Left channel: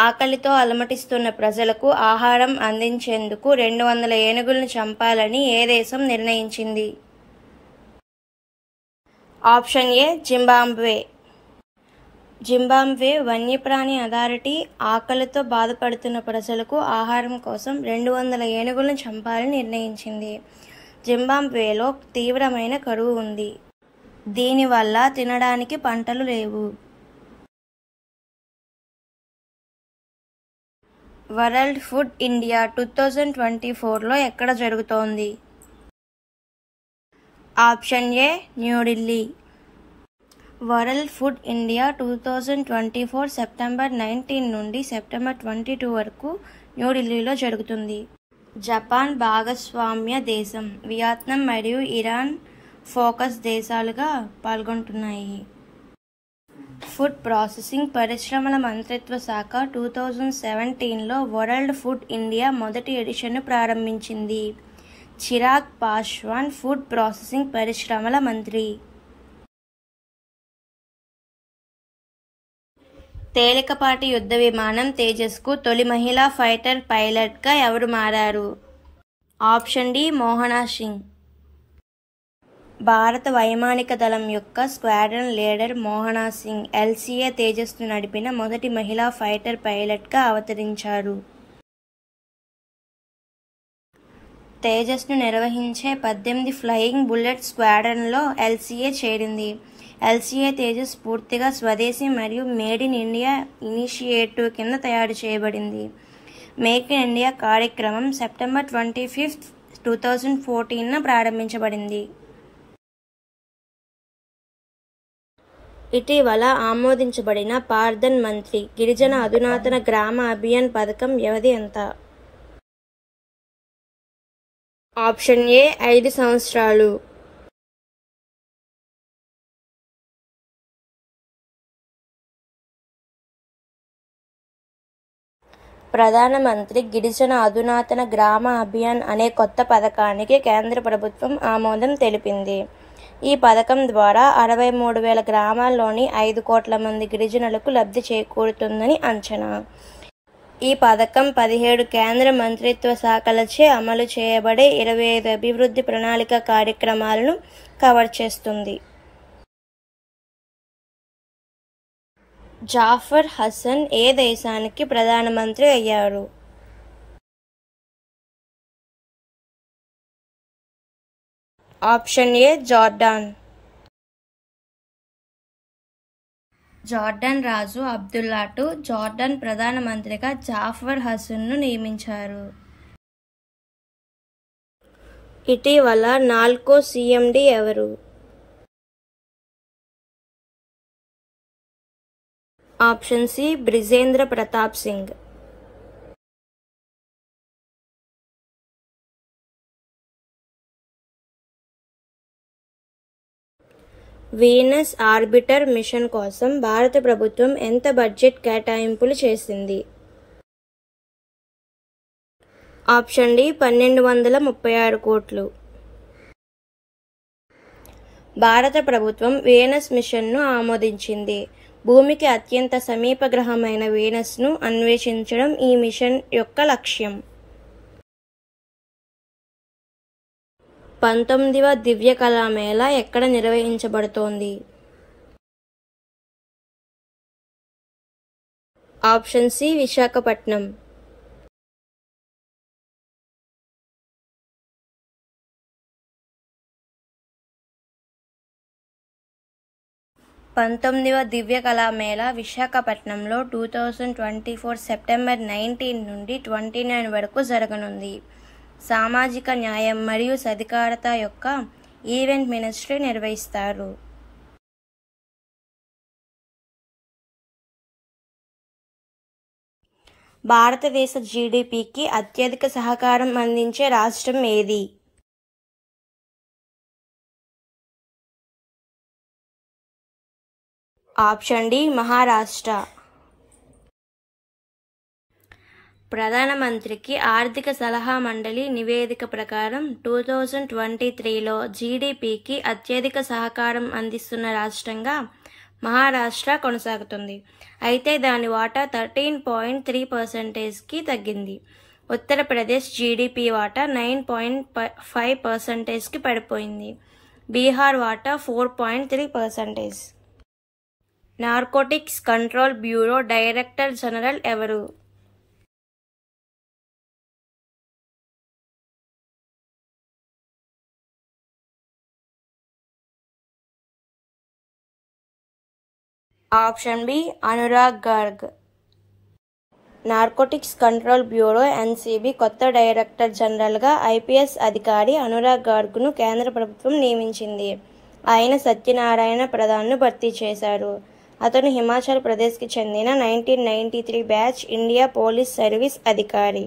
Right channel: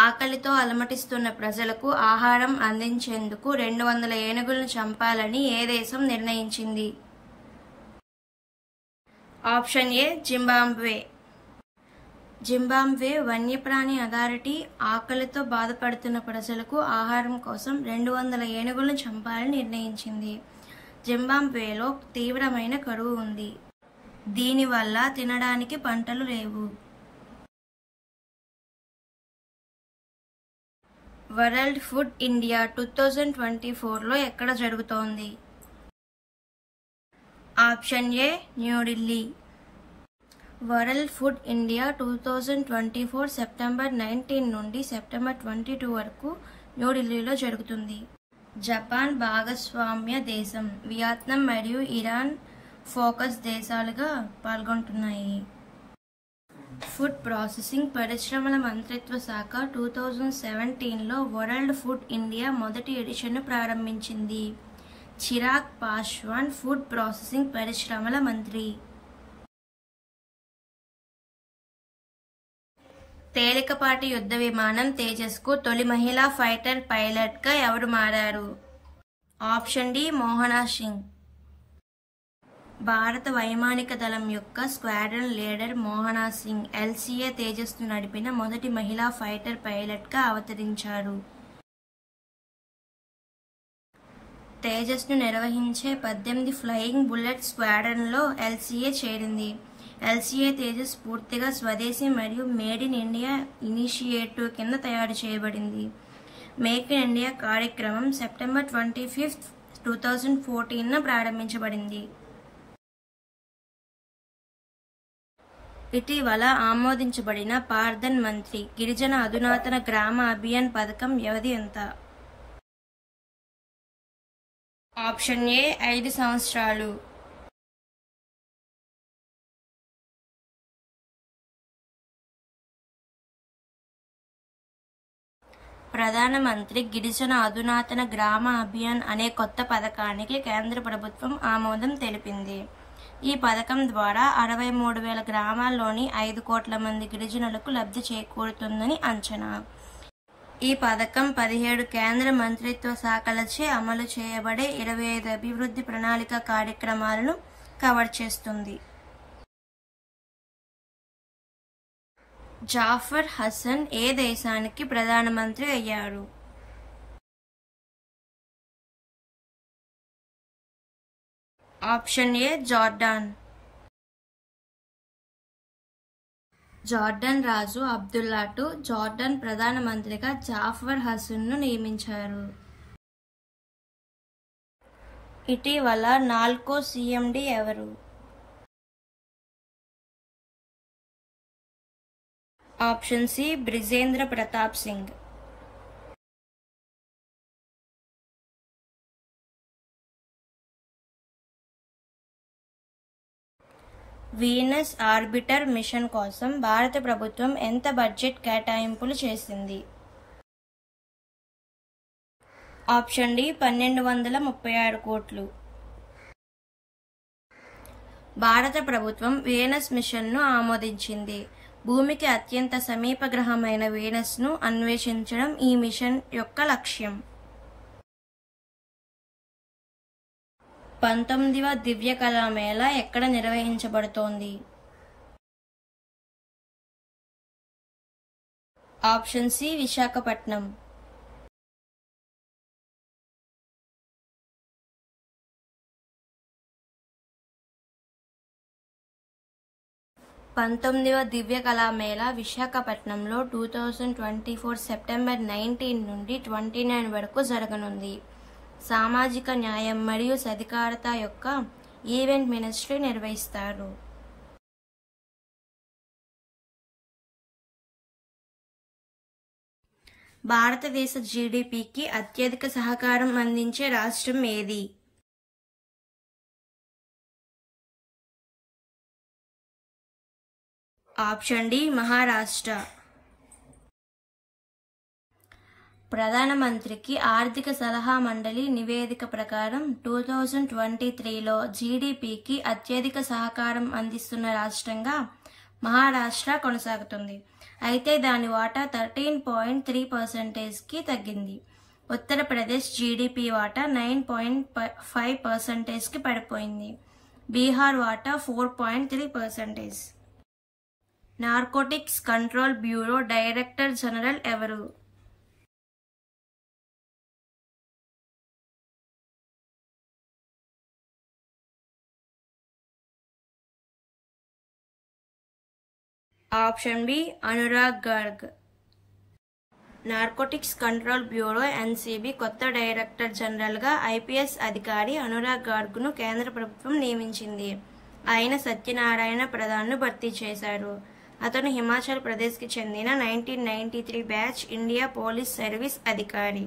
ఆకలితో అలమటిస్తున్న ప్రజలకు ఆహారం అందించేందుకు 200 ఏనుగులను చంపాలని ఏ దేశం నిర్ణయించింది? Option A Zimbabwe. జింబాబ్వే వన్యప్రాణి అథారిటీ ఆకలితో బాధపడుతున్న ప్రజలకు ఆహారం కోసం 200 ఏనుగులను చంపాలని నిర్ణయించింది. జింబాబ్వేలో తీవ్రమైన కరువు ఉంది. దీనివల్ల తినడానికి పంటలు లేవు. వరల్డ్ ఫుడ్ ఇండియా 2024లో ఎక్కడ జరుగుతోంది? Option A New Delhi. World food India 2024 September 19 నుండి సెప్టెంబర్ 22 వరకు న్యూఢిల్లీలో జరుగుతుంది. జపాన్ భాగస్వామ్య దేశం. వియత్నాం మరియు ఇరాన్ ఫోకస్ దేశాలుగా పాల్గొంటున్నాయి. ఫుడ్ ప్రాసెసింగ్ పరిశ్రమల మంత్రిత్వ శాఖ 2017లో వరల్డ్ ఫుడ్ ఇండియా మొదటి ఎడిషన్ను ప్రారంభించింది. చిరాగ్ పాస్వాన్ ఫుడ్ ప్రాసెసింగ్ పరిశ్రమల మంత్రి. తేలికపాటి యుద్ధ విమానం తేజస్కు తొలి మహిళా ఫైటర్ పైలట్గా ఎవరు మారారు? Option D Mohana Singh. భారత వైమానిక దళం యొక్క squadron leader Mohana Singh LCA తేజస్ను నడిపిన మొదటి మహిళా ఫైటర్ పైలట్గా అవతరించారు. తేజస్ను నిర్వహించే 18 ఫ్లయింగ్ బుల్లెట్ స్క్వాడ్రన్లో LCA చేరింది. LCA తేజస్ పూర్తిగా స్వదేశీ మరియు మేడ్ ఇన్ ఇండియా ఇనిషియేటివ్ కింద తయారు చేయబడింది. మేక్ ఇన్ ఇండియా కార్యక్రమం సెప్టెంబర్ 25, 2014న ప్రారంభించబడింది. ఇటీవల ఆమోదించబడిన ప్రధాన మంత్రి గిరిజన అధునాతన గ్రామ అభియాన్ పథకం వ్యవధి ఎంత? ఆప్షన్ ఏ 5 సంవత్సరాలు. ప్రధానమంత్రి గిరిజన అధునాతన గ్రామ అభియాన్ అనే కొత్త పథకానికి కేంద్ర ప్రభుత్వం ఆమోదం తెలిపింది. ఈ పథకం ద్వారా 63,000 గ్రామాల్లోని 5 కోట్ల మంది గిరిజనులకు లబ్ధి చేకూరుతుందని అంచనా. ఈ పథకం 17 కేంద్ర మంత్రిత్వ శాఖలచే అమలు చేయబడే 25 అభివృద్ధి ప్రణాళిక కార్యక్రమాలను కవర్ చేస్తుంది. జాఫర్ హసన్ ఏ దేశానికి ప్రధానమంత్రి అయ్యారు? Option A Jordan. జార్డాన్ రాజు అబ్దుల్లా II జార్డాన్ ప్రధానమంత్రిగా జాఫర్ హసన్ను నియమించారు. ఇటీవల నాల్కో CMD ఎవరు? Option C Brijendra Pratap Singh. Venus orbiter mission కోసం భారత ప్రభుత్వం ఎంత బడ్జెట్ కేటాయింపులు చేసింది? ఆప్షన్ డి 1236 కోట్లు. భారత ప్రభుత్వం వీనస్ మిషన్ను ఆమోదించింది. భూమికి అత్యంత సమీప గ్రహమైన వీనస్ను అన్వేషించడం ఈ మిషన్ యొక్క లక్ష్యం. 19వ దివ్య కళామేళా ఎక్కడ నిర్వహించబడుతోంది? Option C Visakhapatnam. పంతొమ్మిదవ దివ్య కళామేళా విశాఖపట్నంలో 2024 సెప్టెంబర్ 19 నుండి 29 వరకు జరగనుంది. సామాజిక న్యాయం మరియు సాధికారత యొక్క ఈవెంట్ మినిస్ట్రీ నిర్వహిస్తారు. భారతదేశ GDPకి అత్యధిక సహకారం అందించే రాష్ట్రం ఏది? Option D Maharashtra. ప్రధానమంత్రికి ఆర్థిక సలహా మండలి నివేదిక ప్రకారం 2023లో GDPకి అత్యధిక సహకారం అందిస్తున్న రాష్ట్రంగా మహారాష్ట్ర కొనసాగుతుంది. అయితే దాని వాటా 13.3%కి తగ్గింది. ఉత్తరప్రదేశ్ జీడీపీ వాటా 9.5%కి పడిపోయింది. బీహార్ వాటా 4.3%. Narcotics Control Bureau Director General ఎవరు? Option B Anurag Garg. Narcotics Control Bureau NCB కొత్త డైరెక్టర్ జనరల్గా ఐపీఎస్ అధికారి అనురాగ్ గార్గ్ను కేంద్ర ప్రభుత్వం నియమించింది. ఆయన సత్యనారాయణ ప్రధాన్ను భర్తీ చేశారు. అతను హిమాచల్ ప్రదేశ్కి చెందిన 1993 బ్యాచ్ ఇండియా పోలీస్ సర్వీస్ అధికారి.